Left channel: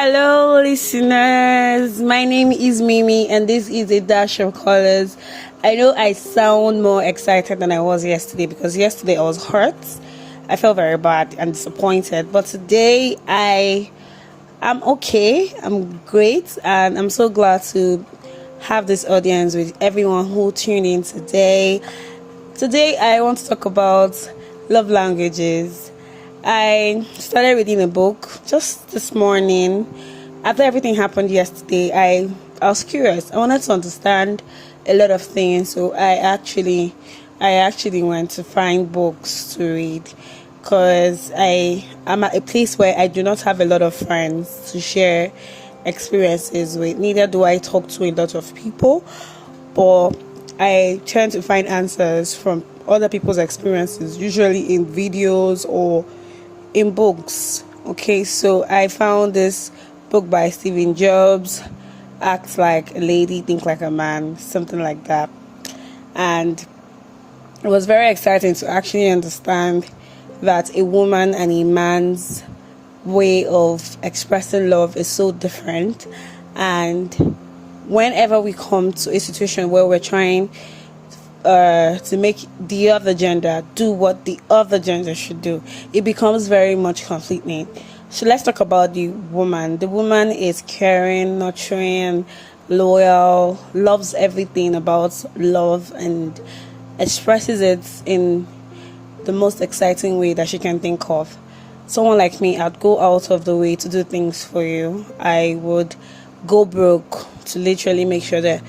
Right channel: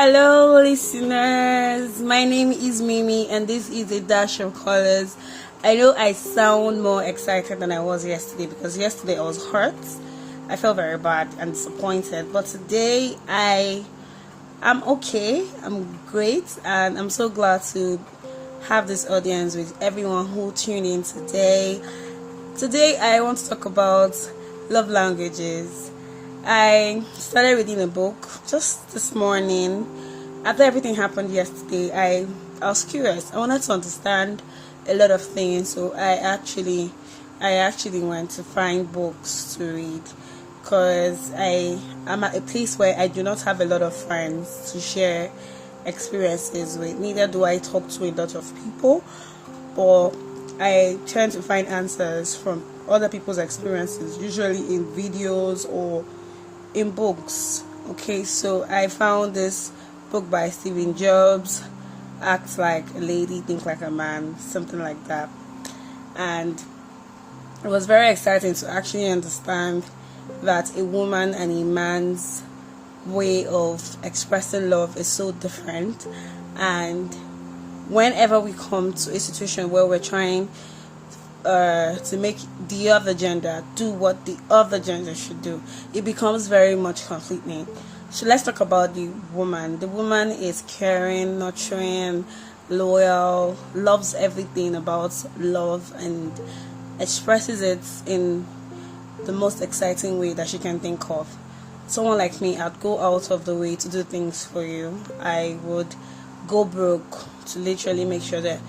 Hello, listeners. My name is Mimi, and this is a dash of colors. I know I sound more excited than I was yesterday because yesterday I was hurt. I felt very bad and disappointed, but today I'm okay. I'm great, and I'm so glad to have this audience with everyone who tuned in today. Today, I want to talk about love languages. I started reading a book just this morning. After everything happened yesterday, I was curious. I wanted to understand a lot of things, so I actually went to find books to read because I am at a place where I do not have a lot of friends to share experiences with. Neither do I talk to a lot of people, but I tend to find answers from other people's experiences, usually in videos or in books. Okay, so I found this book by Stephen Jobs, Act Like a Lady, Think Like a Man, something like that. And it was very exciting to actually understand that a woman and a man's way of expressing love is so different. And whenever we come to a situation where we're trying to make the other gender do what the other gender should do, it becomes very much conflicting. So let's talk about the woman. The woman is caring, nurturing, loyal, loves everything about love, and expresses it in the most exciting way that she can think of. Someone like me, I'd go out of the way to do things for you. I would go broke to literally make sure that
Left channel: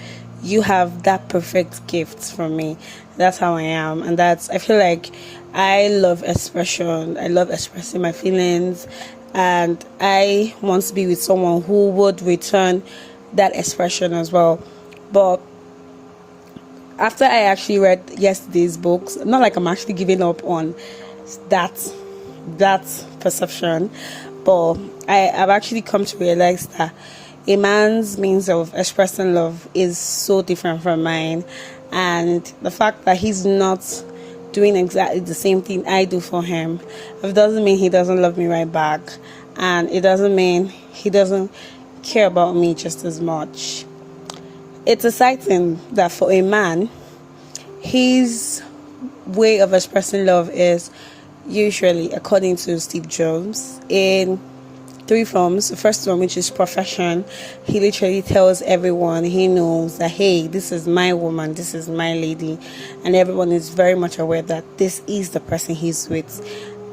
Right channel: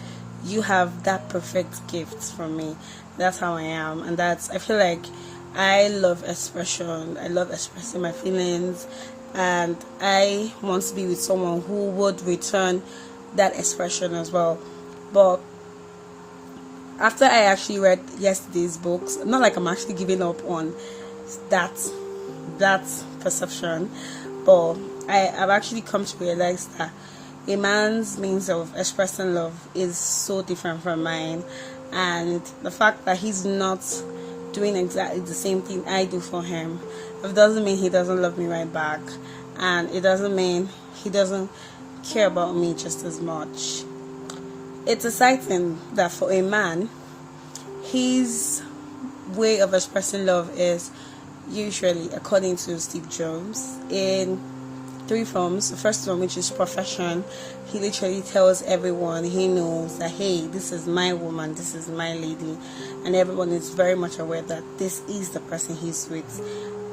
you have that perfect gift from me. That's how I am, and I feel like I love expression. I love expressing my feelings, and I want to be with someone who would return that expression as well. But after I actually read yesterday's books, not like I'm actually giving up on that perception, but I've actually come to realize that a man's means of expressing love is so different from mine, and the fact that he's not doing exactly the same thing I do for him, it doesn't mean he doesn't love me right back, and it doesn't mean he doesn't care about me just as much. It's exciting that for a man, his way of expressing love is usually, according to Steve Jobs, in three forms. The first one, which is profession, he literally tells everyone he knows that, hey, this is my woman, this is my lady, and everyone is very much aware that this is the person he's with.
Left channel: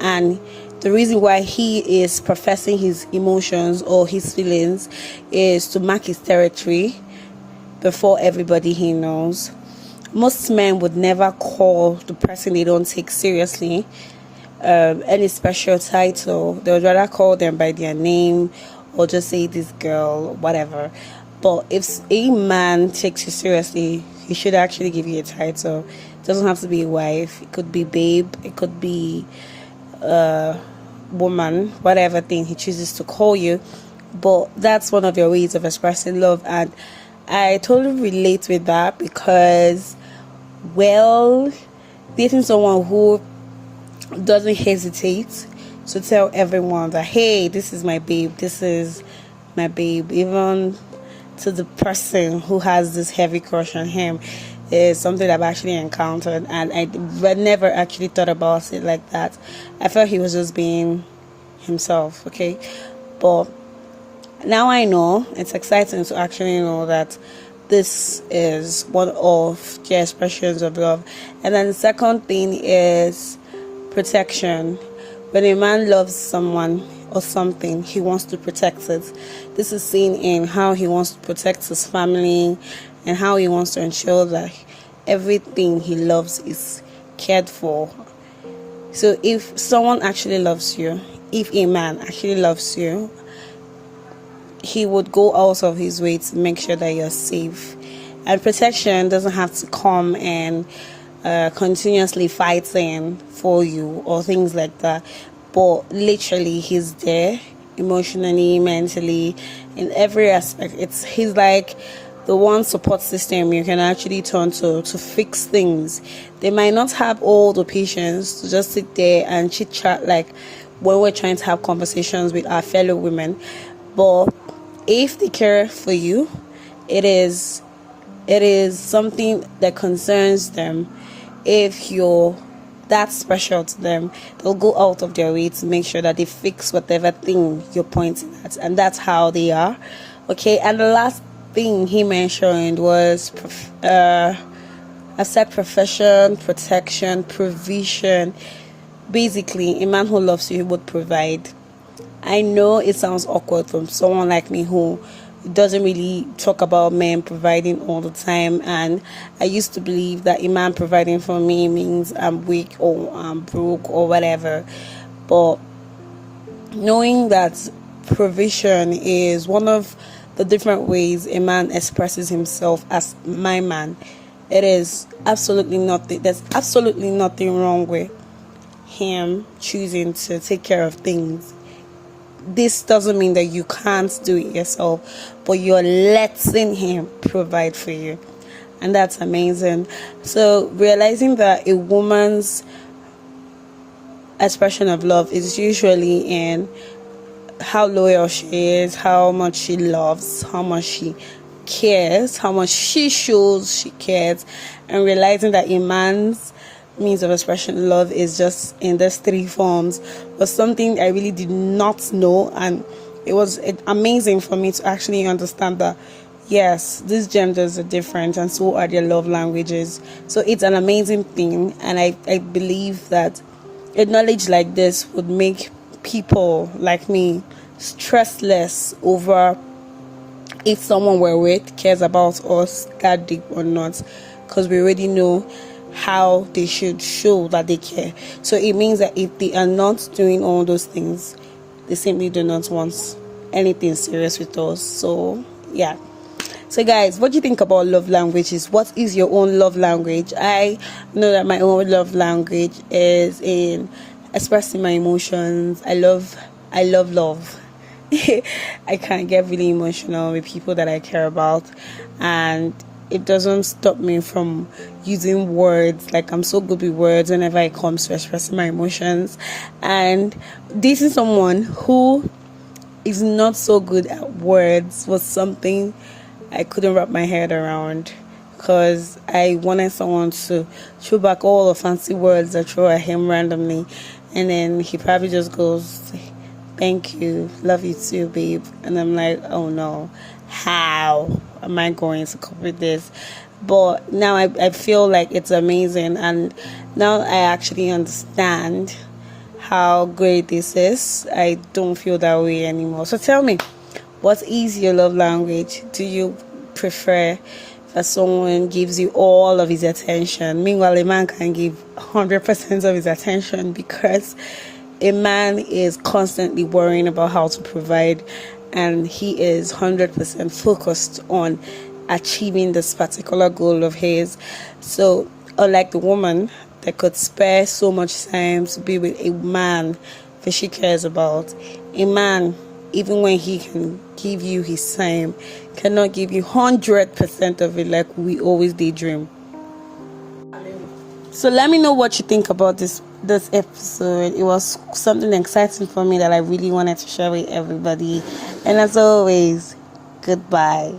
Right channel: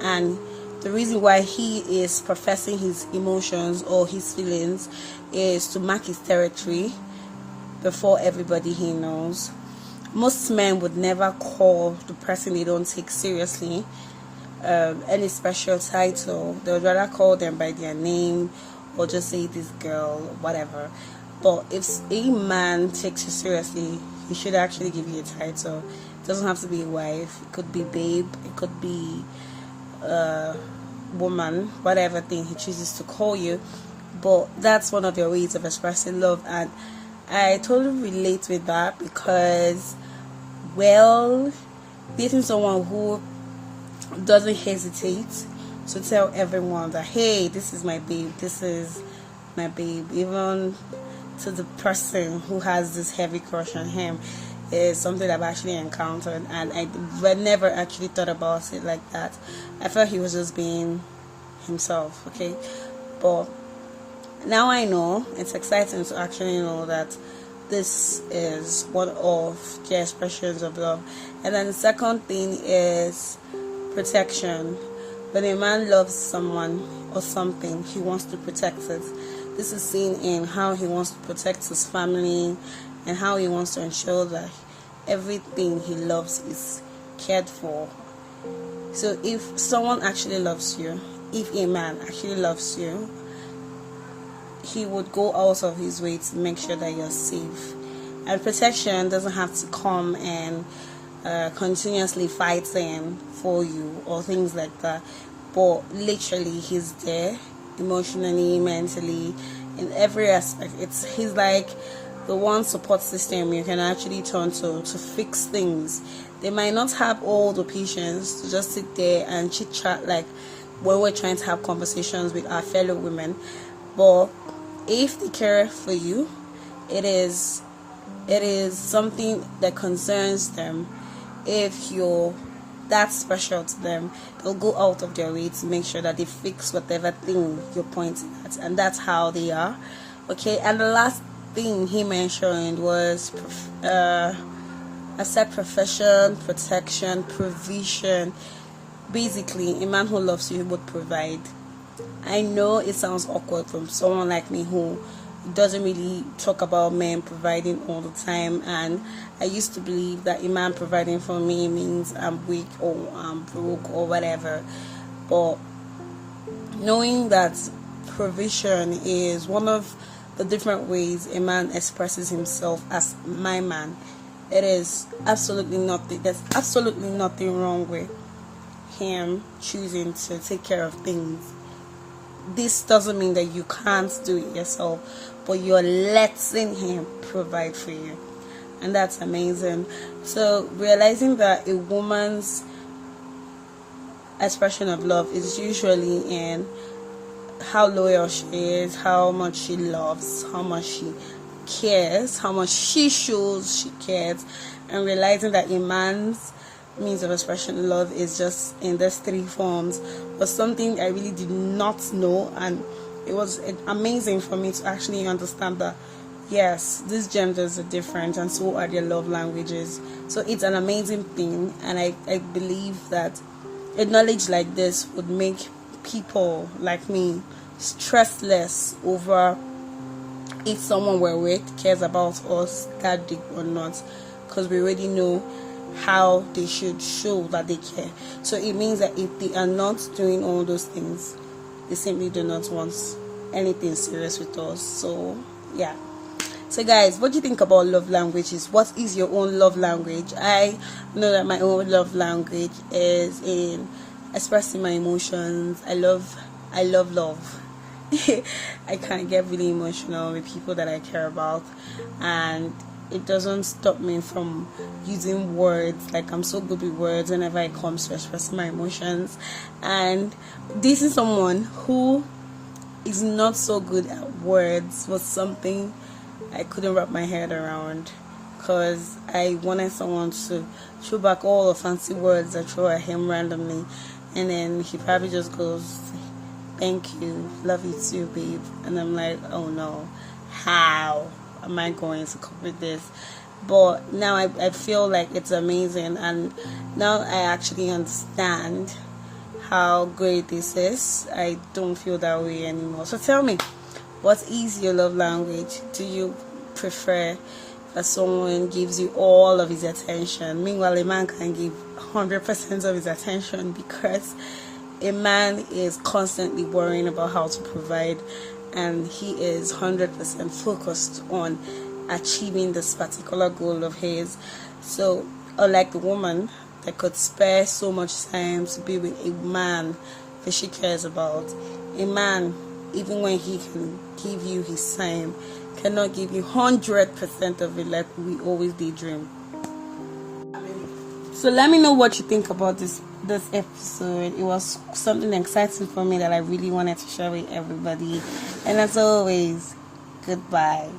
And the reason why he is professing his emotions or his feelings is to mark his territory before everybody he knows. Most men would never call the person they don't take seriously any special title. They would rather call them by their name or just say this girl, whatever. But if a man takes you seriously, he should actually give you a title. It doesn't have to be a wife. It could be babe. It could be woman, whatever thing he chooses to call you. But that's one of your ways of expressing love, and I totally relate with that because, well, dating someone who doesn't hesitate to tell everyone that, hey, this is my babe, even to the person who has this heavy crush on him, is something I've actually encountered, and I never actually thought about it like that. I felt he was just being himself, okay? But now I know. It's exciting to actually know that this is one of the expressions of love. And then the second thing is protection. When a man loves someone or something, he wants to protect it. This is seen in how he wants to protect his family and how he wants to ensure that everything he loves is cared for. So if someone actually loves you, if a man actually loves you, he would go out of his way to make sure that you're safe. And protection doesn't have to come and continuously fighting for you or things like that, but literally he's there emotionally, mentally, in every aspect. He's like the one support system you can actually turn to fix things. They might not have all the patience to just sit there and chit chat like when we're trying to have conversations with our fellow women, But if they care for you, it is something that concerns them. If you're that special to them, they'll go out of their way to make sure that they fix whatever thing you're pointing at, and that's how they are. Okay, and the last thing he mentioned was I said profession, protection, provision. Basically, a man who loves you would provide. I know it sounds awkward from someone like me who doesn't really talk about men providing all the time, and I used to believe that a man providing for me means I'm weak or I'm broke or whatever. But knowing that provision is one of the different ways a man expresses himself as my man, it is absolutely nothing. There's absolutely nothing wrong with him choosing to take care of things. This doesn't mean that you can't do it yourself, but you're letting him provide for you, and that's amazing. So realizing that a woman's expression of love is usually in how loyal she is, how much she loves, how much she cares, how much she shows she cares, and realizing that a man's means of expression of love is just in these three forms was something I really did not know, and it was amazing for me to actually understand that yes, these genders are different and so are their love languages. So it's an amazing thing, and I believe that a knowledge like this would make people like me stressless over if someone we're with cares about us that deep or not, because we already know how they should show that they care. So it means that if they are not doing all those things, they simply do not want anything serious with us. So yeah. So guys, what do you think about love languages? What is your own love language? I know that my own love language is in expressing my emotions. I love love. I can't get really emotional with people that I care about, and it doesn't stop me from using words. Like, I'm so good with words whenever it comes to expressing my emotions, and dating someone who is not so good at words was something I couldn't wrap my head around, because I wanted someone to throw back all the fancy words I throw at him randomly, and then he probably just goes, "Thank you, love you too, babe," and I'm like, oh no, how am I going to cope with this? But now I feel like it's amazing, and now I actually understand how great this is. I don't feel that way anymore. So tell me, what is your love language? Do you prefer that someone gives you all of his attention? Meanwhile, a man can give 100% of his attention, because a man is constantly worrying about how to provide, and he is 100% focused on achieving this particular goal of his. So unlike the woman that could spare so much time to be with a man that she cares about, a man, even when he can give you his time, cannot give you 100% of it like we always daydream. So let me know what you think about this episode. It was something exciting for me that I really wanted to share with everybody. And as always, goodbye.